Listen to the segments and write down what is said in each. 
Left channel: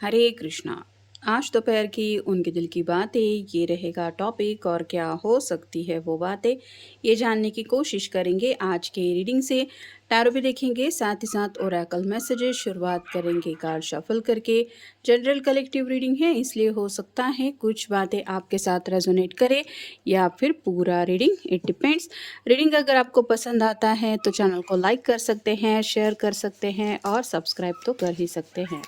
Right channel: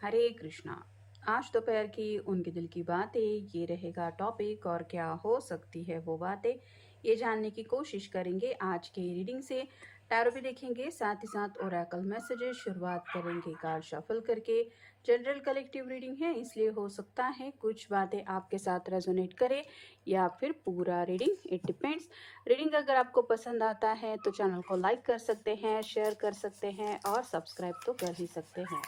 हरे कृष्णा। आज दोपहर की उनके दिल की बातें ये रहेगा टॉपिक और क्या हो सकती है वो बातें ये जानने की कोशिश करेंगे आज के रीडिंग से। टैरो भी देखेंगे, साथ ही साथ ओरेकल मैसेजेस शुरुआत करेंगे कार्ड शफल करके। जनरल कलेक्टिव रीडिंग है, इसलिए हो सकता है कुछ बातें आपके साथ रेजोनेट करे या फिर पूरा रीडिंग, इट डिपेंड्स। रीडिंग अगर आपको पसंद आता है तो चैनल को लाइक कर सकते हैं, शेयर कर सकते हैं और सब्सक्राइब तो कर ही सकते हैं।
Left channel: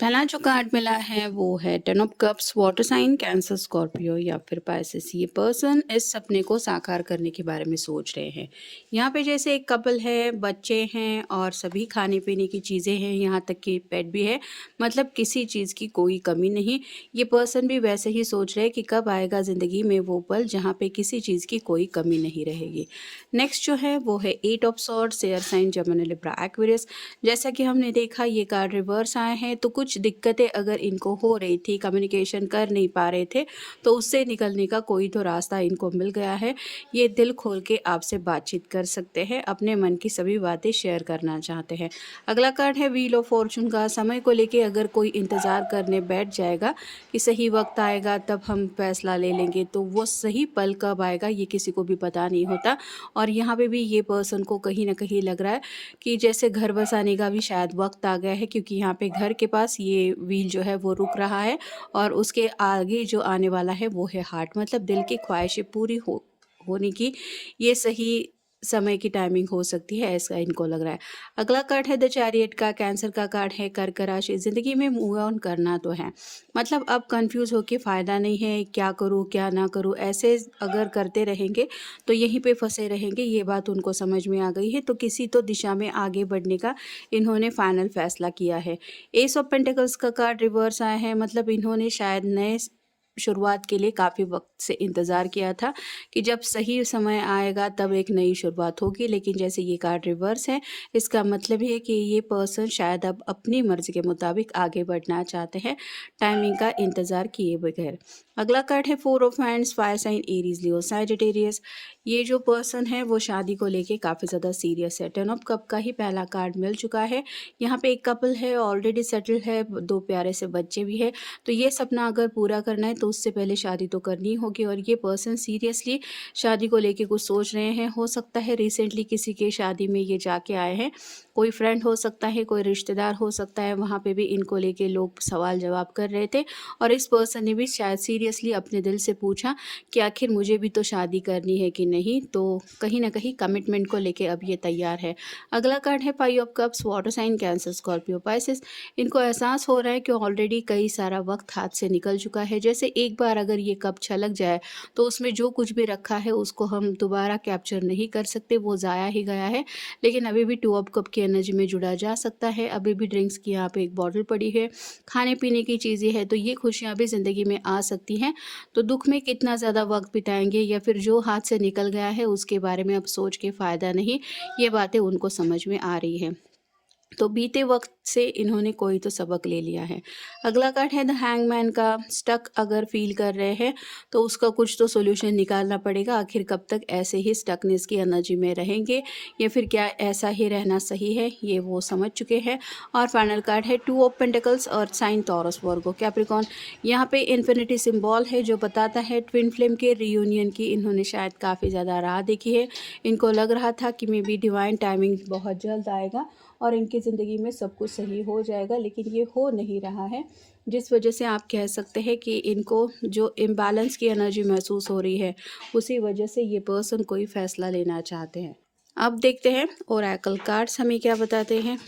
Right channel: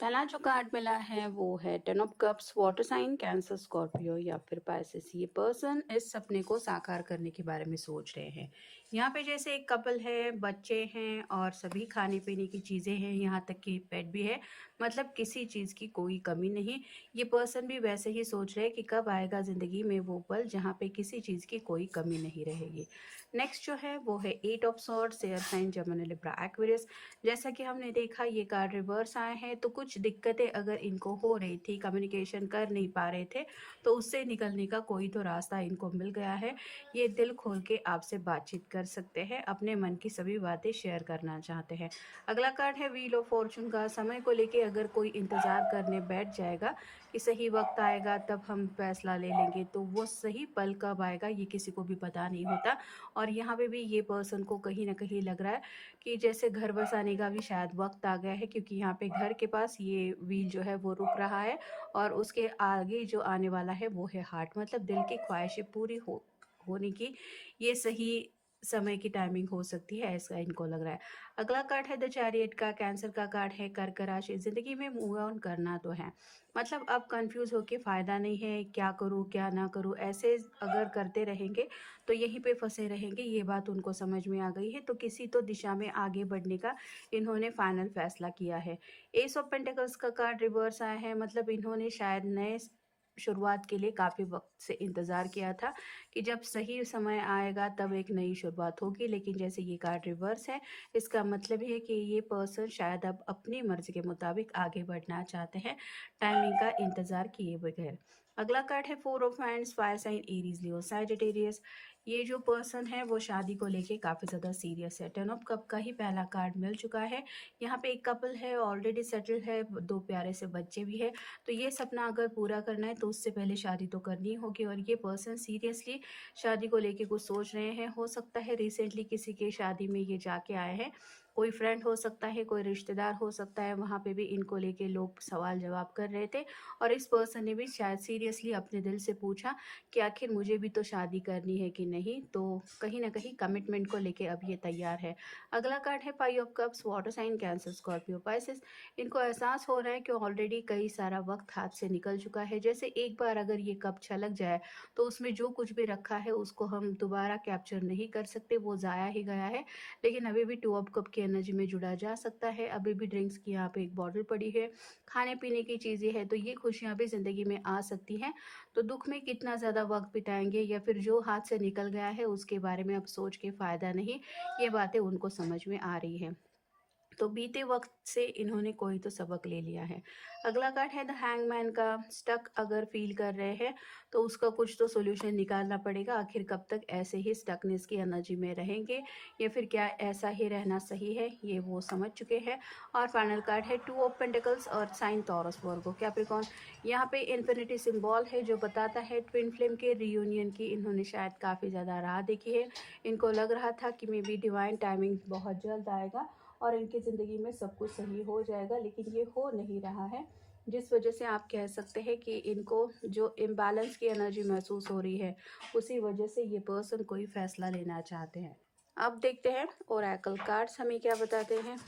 पहला जो कार्ड मिला है वो है ten of cups, water sign Cancer, Scorpio या फिर पाइसेस। ये पर्सन इस सपने को साकार करने के बारे में सोच रहे हैं। यहाँ पे जैसे एक कपल है, बच्चे हैं और सभी खाने पीने की चीज़ें हैं, यहाँ तक कि पेट भी है। मतलब किसी चीज़ की कोई कमी नहीं। ये पर्सन भी वैसे ही सोच रहे हैं कि कब आएगा ज़िंदगी में वो पल जहाँ पे किसी चीज़ की कोई कमी नहीं रहेगी। नेक्स्ट जो है वो है eight of swords, air sign, Gemini, Libra, Aquarius. जैसा कि हमने देखा ये कार्ड रिवर्स आए हैं, तो कुछ दिक्कतें अगर इनको हो रही थी, कम्युनिकेशन कर नहीं पा रहे थे, तो उससे निकलने का कोई तो रास्ता इनको मिल गया है। ये दिल खोल के आपसे बातचीत कर सकते हैं, अपने मन की सभी बातें शेयर करना चाहते हैं। अगला कार्ड है व्हील ऑफ फॉर्चून का। समय को लेके अगर कोई इंतज़ार करने बैठ जाएगा कि सही वक्त आएगा तब हम फैसला ले लेंगे, तो वो सही पल कब आएगा ये किसी को भी पता नहीं होता। और यहाँ पे भी ये पर्सन को कहीं ना कहीं लग रहा है कि जैसे घर बसाने का भी शायद वक्त आ गया है, क्योंकि यहाँ पे घर के पास ये व्हील जो है वो रुक रहा है और उसके आगे जो आने वाला है वो है हार्ट। मतलब दिल की ख्वाहिशें पूरी होने की ये सही समय की टाइमिंग हो सकती है, ऐसा इनको लग रहा है। अगला कार्ड है द चैरियट का, कैंसर का कार्ड है। कर्क राशि, ज़िंदगी में मूव ऑन करना तो है, मतलब अब कंफ्यूज होके फ़ायदा नहीं है, क्या करूँ क्या ना करूँ, ऐसे अगर करते रहेंगे तो यहीं पे फंसे रहेंगे। ये बात उनको समझ में आ गई है, तो किसी तो दिशा में आगे बढ़ने का इन्होंने फाइनल फैसला किया है। एस ऑफ पेंटिकल्स का कार्ड रिवर्स आया है, मतलब इन्होंने शायद नए शुरुआत के लिए काफ़ी वक्त से इंतज़ार किया था कि जब सही समय आएगा तब एक नई शुरुआत होगी, लेकिन जैसे ये कार्ड रिवर्स है, इसका मतलब है कि ये पर्सन शायद अब अपनी मर्ज़ी के मुताबिक आगे बढ़ना चाहते हैं, टाइमिंग का इंतज़ार किए बगैर। अगला कार्ड है four of wands, fire sign, Aries, Leo, Sagittarius. ये जो पर्सन है वो शादी को लेके काफ़ी ज़्यादा सीरियस है। टेन ऑफ कप का ही पहला कार्ड मिल चुका है। यहाँ पे एक कपल है, ऑलरेडी सेटल्ड है, दो प्यारे से बच्चे भी है। तो ये सपना अगर पूरा करना है तो उससे पहले शादी तो करनी होगी, और ये पर्सन सीरियसली शादी को लेके कुछ सोच रहे हैं। हो सकता है रिसेंटली किसी के शादी में ये जाके आए हैं, कोई फ्रेंड हो सकता है, कोई रिश्तेदार हो सकता है, वहाँ पे भी इनको लेके लोग सवाल जवाब कर रहे थे। और इस पर्सन ने भी शायद सीरियसली अपने दिल से पूछा कि आखिर मुझे भी तो शादी करनी है कि नहीं, तो कहीं ना कहीं कमिटमेंट को लेके अब ये तैयार है। अगला कार्ड है five of cups, water sign, Cancer, Scorpio, Pisces. इनको एहसास हो रहा है कि ऑलरेडी कई सारा वक्त हाथ से निकल चुका है। जैसे एक बार अगर ये कप छलक जाए तो उसमें जो कुछ भी रखा है उसको हम दोबारा कैप्चर नहीं कर सकते, वो ज़ाया ही गया है। लेकिन अभी भी टू ऑफ कप की एनर्जी में जुड़ा जा सकता है। अभी भी ड्रिंक्स की यहाँ पे एक बॉटल पड़ी है, खाने पीने की चीज़ें हैं, तो ये खुशियाँ भी ज़िंदगी में आ सकती हैं। तो दुख में कितना ज़्यादा वक्त बिताएंगे या फिर जो हाथ से निकल गया है उसके बारे में अब सोच के फ़ायदा नहीं, ये बातें उनको समझ में आ रही हैं। तो बीते वक्त से इन्होंने कोई तो सबक ले लिया है। अगला कार्ड है द हैंगमैन का। स्टक अगर फील कर रहे हैं तो उसका कुछ तो सॉल्यूशन निकालना पड़ेगा। आखिर कब तक ऐसे ही स्टकनेस की एनर्जी में रहेंगे, या फिर क्या ऐसा ही रहना सही है, ये वो समझ चुके हैं। और फाइनल कार्ड है two of pentacles, earth sign, Taurus, Virgo, Capricorn. यहाँ पे इन्फिनिटी सिंबल है जो बताता है ट्विन फ्लेम के रियूनियन की इन्होंने शायद काफ़ी ज़्यादा राह देखी है। इनको लग रहा था कि मे बी डिवाइन टाइमिंग बहुत जल्द आएगा और इनकी ज़िंदगी में सब कुछ सही हो जाएगा, लेकिन ये हो नहीं रहा है। जिस वजह से आप कह सकते हैं कि इनको जो इम्बैलेंस की एनर्जी महसूस हो रही है, उसी वजह से ये पर्सन कोई फ़ैसला लेना चाहते हैं। अब देखते हैं ओरेकल कार्ड्स हमें क्या बताते हैं।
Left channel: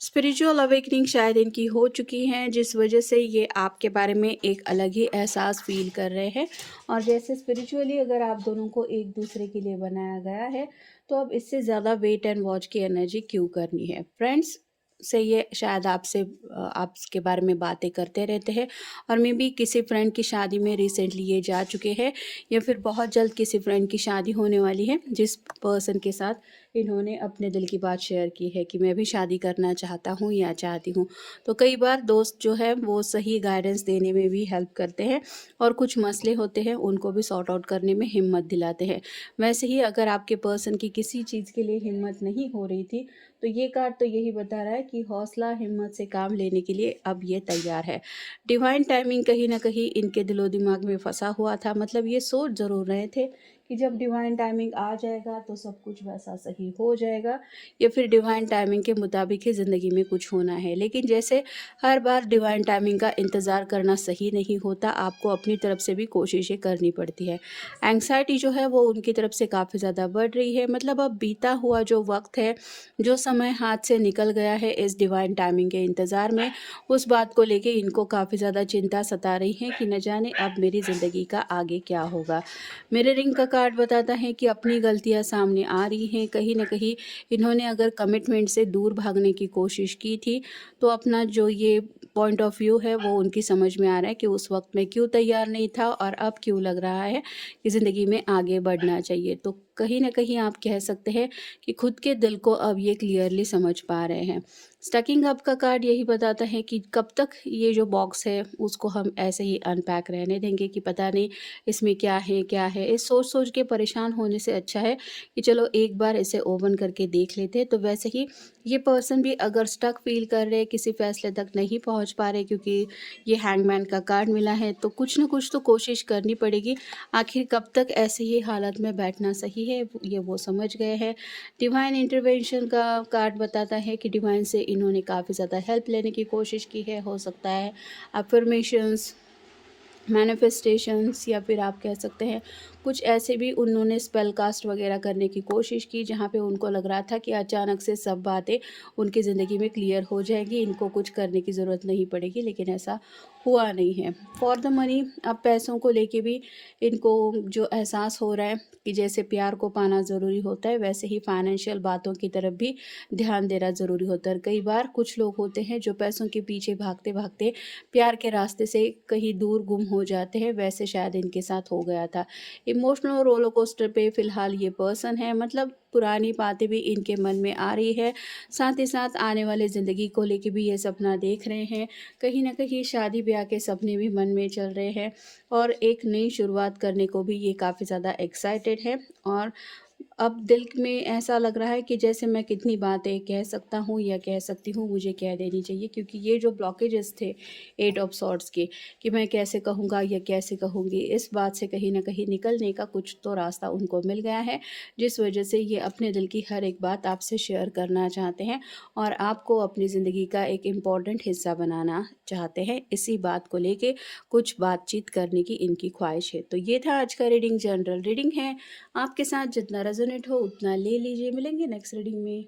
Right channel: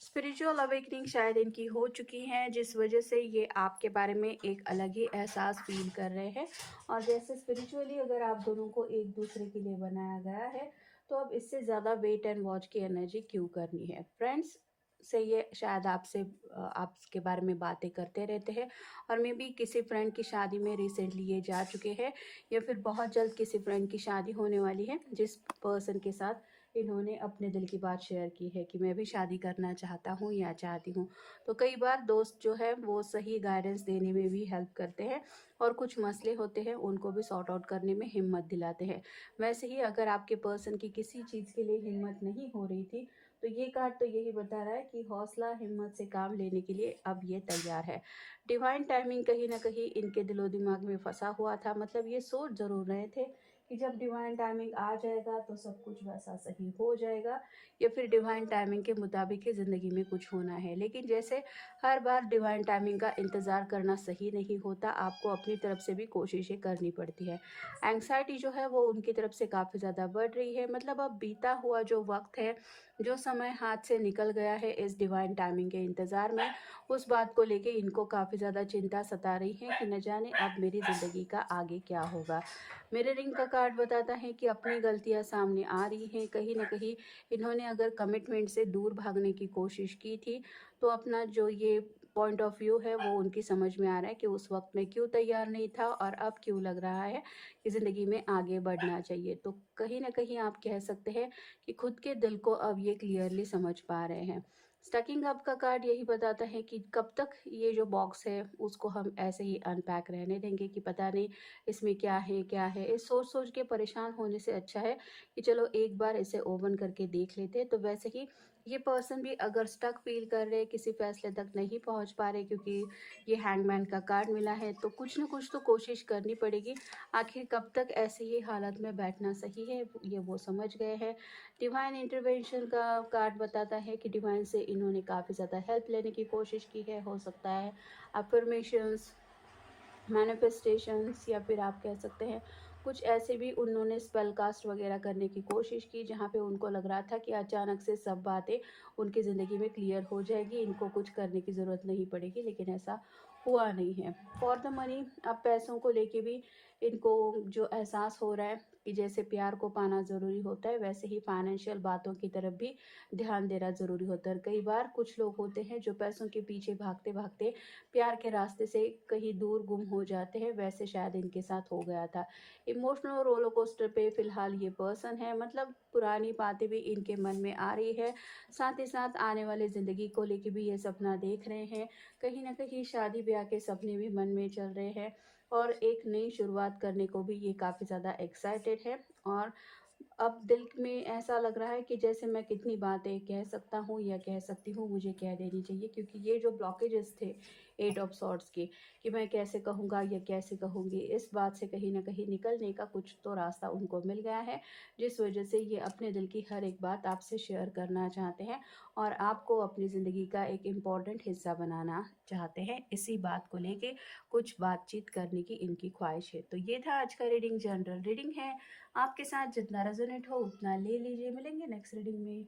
स्पिरिचुअल अवेकनिंग शायद इनकी हो चुकी है, जिस वजह से ये आपके बारे में एक अलग ही एहसास फील कर रहे हैं। और जैसे स्पिरिचुअली अगर आप दोनों को एक दूसरे के लिए बनाया गया है, तो अब इससे ज़्यादा वेट एंड वॉच की एनर्जी क्यों करनी है। फ्रेंड्स से ये शायद आपसे आपके बारे में बातें करते रहते हैं, और मे बी किसी फ्रेंड की शादी में रिसेंटली ये जा चुके हैं, या फिर बहुत जल्द किसी फ्रेंड की शादी होने वाली है जिस पर्सन के साथ इन्होंने अपने दिल की बात शेयर की है कि मैं भी शादी करना चाहता हूँ या चाहती हूँ। तो कई बार दोस्त जो है वो सही गाइडेंस देने में भी हेल्प करते हैं, और कुछ मसले होते हैं उनको भी सॉर्ट आउट करने में हिम्मत दिलाते हैं। वैसे ही अगर आपके पर्सन की किसी चीज़ के लिए हिम्मत नहीं हो रही थी, तो ये कार्ड तो यही बता रहा है कि हौसला हिम्मत से काम लेने के लिए अब ये तैयार है। डिवाइन टाइमिंग कहीं ना कहीं इनके दिलो दिमाग में फंसा हुआ था, मतलब ये सोच ज़रूर रहे थे कि जब डिवाइन टाइमिंग आ जाएगा तो सब कुछ वैसा सही हो जाएगा, या फिर डिवाइन टाइमिंग के मुताबिक ही ज़िंदगी में कुछ होना है। लेकिन जैसे हर बार डिवाइन टाइमिंग का इंतज़ार करना सही नहीं होता, आपको अपनी तरफ से भी कोशिशें करनी पड़ती है। एंग्जाइटी जो है वो उनकी तरफ से काफ़ी ज़्यादा बढ़ रही है, मतलब अब बीता हुआ जो वक्त है, जो समय हाथ से निकल गया है इस डिवाइन टाइमिंग के इंतज़ार में, उस बात को लेके इनको काफ़ी ज़्यादा चिंता सता रही है कि न जाने अब मेरी ज़िंदगी का आगे क्या होगा। मिररिंग का कार्ड बताता है कि अपनी गलतियां सामने आ रही हैं। कहीं न कहीं इन्होंने अगर कमिटमेंट से दूर भागने की कोशिश की थी, तो अपना जो ये पॉइंट ऑफ व्यू है वो उनकी समझ में आ रहा है कि उस वक्त में क्यों तैयार नहीं था, और अब क्यों लग रहा है कि ज़िंदगी में आगे बढ़ना चाहिए। तो कहीं न कहीं आप कह सकते हैं कि खुद के दिल को अब ये क्लियरली समझ पा रहे हैं। स्टकिंग अप का कार्ड यही बताता है कि कब तक ये जो बॉक्स है उसको हम ऐसे ही अनपैक रहने देंगे कि पता नहीं इसमें क्या है। इस सोच-सोच के परेशान होने से अच्छा है कि चलो एक बार इसे ओपन करके देख लेते हैं। तो वैसे ही ये पर्सन भी अगर स्टक फ़ील कर रहे हैं, किसी फ़ैसले तक नहीं पहुँच पा रहे क्योंकि ये हैंगमैन का कार्ड मिला है, तो कुछ न कुछ तो कोशिश करनी पड़ेगी। आखिर कब तक ऐसे ही हालत में बैठना सही है, ये वो समझ गए हैं। डिवाइन इंटरवेंशन का कार्ड बताता है कि डिवाइन से इन्होंने काफ़ी ज़्यादा हेल्प लेने की कोशिश की है। हो सकता है अफ़र्मेशंस, मैनिफेस्टेशंस, या फिर आप कह सकते हैं कुछ ऐसे भी उन्होंने स्पेल कास्ट वगैरह करने की कोशिश की, जहाँ पे उनको लग रहा था कि अचानक से सब बातें उनकी ज़िंदगी में क्लियर हो जाएंगी, इनको कुछ करने की ज़रूरत नहीं पड़ेगी, लेकिन ऐसा हुआ नहीं है। फॉर द मनी, अब पैसों को लेके भी इनको जो एहसास हो रहा है कि जैसे प्यार को पाना ज़रूरी होता है, वैसे ही फाइनेंशियल बातों की तरफ भी ध्यान देना ज़रूरी होता है। कई बार कुछ लोग होते हैं जो पैसों के पीछे भागते भागते प्यार के रास्ते से कहीं दूर गुम हो जाते हैं, वैसे शायद इनके साथ हो गया था। इमोशनल रोलर कोस्टर पे फ़िलहाल ये पर्सन है, मतलब पुरानी बातें भी इनके मन में आ रही है, साथ ही साथ आने वाले ज़िंदगी को लेके भी ये सपना देख रहे हैं। कहीं न कहीं शादी-ब्याह के सपने भी मन में चल रहे हैं, और एक नई शुरुआत करने को भी ये काफ़ी ज़्यादा एक्साइटेड है। और अब दिल में ऐसा लग रहा है कि जैसे मैं कितनी बातें कह सकता हूँ या कह सकती हूँ, मुझे कह देनी चाहिए, क्योंकि ये जो ब्लॉकेजेस थे 8 ऑफ सॉर्ड्स के, कि मैं कैसे कहूँगा या कैसे कहूँगी, इस बात से कहीं न कहीं निकलने का कुछ तो रास्ता उनको मिल गया है, जिस वजह से ये अपने दिल की हर एक बात आपसे शेयर करना चाहते हैं, और आपको अपनी ज़िंदगी का एक इम्पॉर्टेंट हिस्सा बनाना चाहते हैं। इसी बात को लेके कुछ बातचीत करने की इनकी ख्वाहिश है। तो ये था आज का रीडिंग, जनरल रीडिंग है। आपके साथ जितना रेजोनेट हो उतना ले लीजिए। मिलेंगे नेक्स्ट रीडिंग में।